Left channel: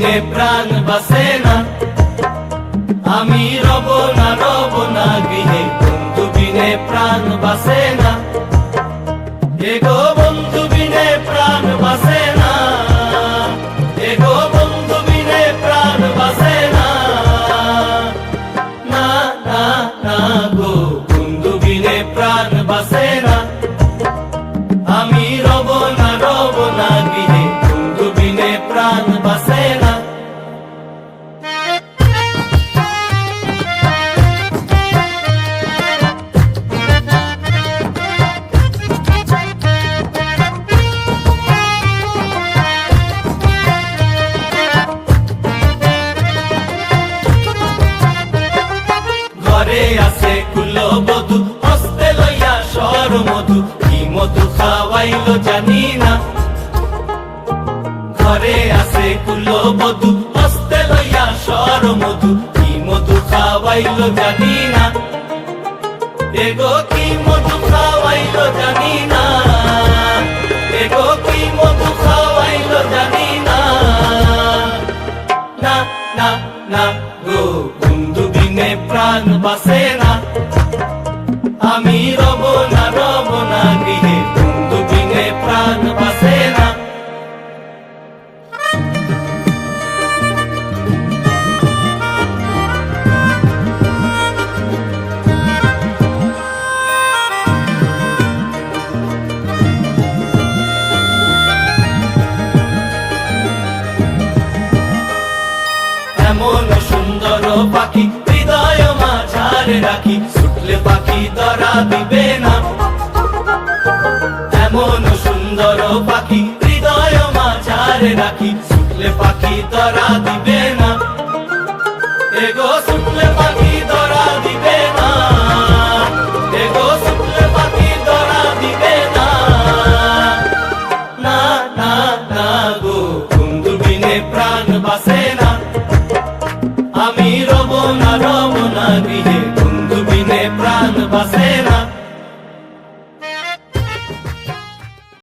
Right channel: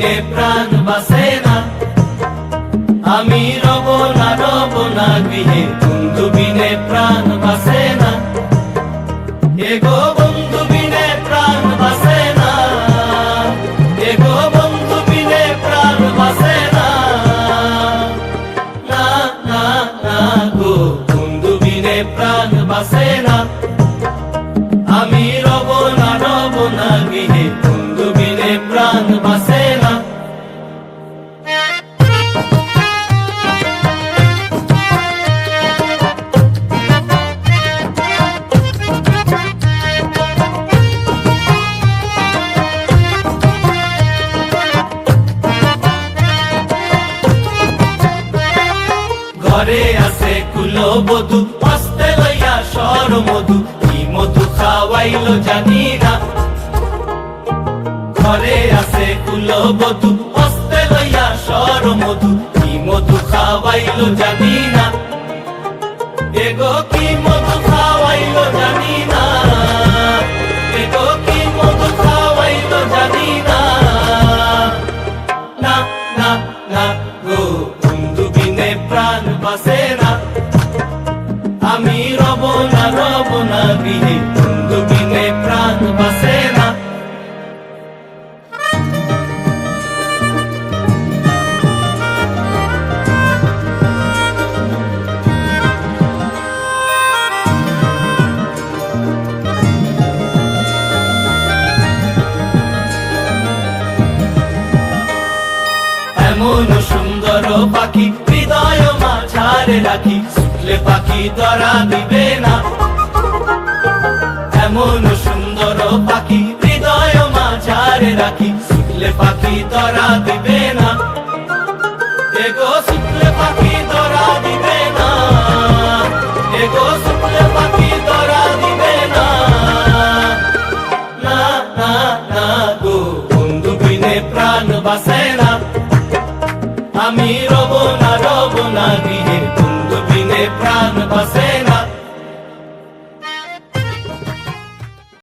বিনে প্রাণ বাসে না, আমি রব না গৃহে, বন্ধু বিনে প্রাণ বাসে না, এগো বন্ধু বিনে প্রাণ বাসে না, এগো বন্ধু বিনে প্রাণ বাসে না, না না না গো বন্ধু বিনে প্রাণ বাসে না, আমি রব না গৃহে, বন্ধু বিনে প্রাণ বাসে না। ঘরে আছে কুলো বধু, হস্তে লইয়া সর মধু, কি মধু খাওয়াইলো জানি না। ঘরে আছে কুলো বধু, হস্তে লইয়া সর মধু, কি মধু খাওয়াইলো জানি না, এগো কি মধু খাওয়াইলো জানি না, এগো কি মধু খাওয়াইলো জানি না, না না না গো বন্ধু বিনে প্রাণ বাসে না, আমি রব না গৃহে, বন্ধু বিনে প্রাণ বাসে না। এমন সুন্দর পাখি হৃদয় মাঝারে রাখি, ছুটলে পাখি ধরা দিবে না, এমন সুন্দর পাখি হৃদয় মাঝারে রাখি, ছুটলে পাখি ধরা দিবে না, এগো ছুটলে পাখি ধরা দিবে না, এগো ছুটলে পাখি ধরা দিবে না, না না না গো বন্ধু বিনে প্রাণ বাসে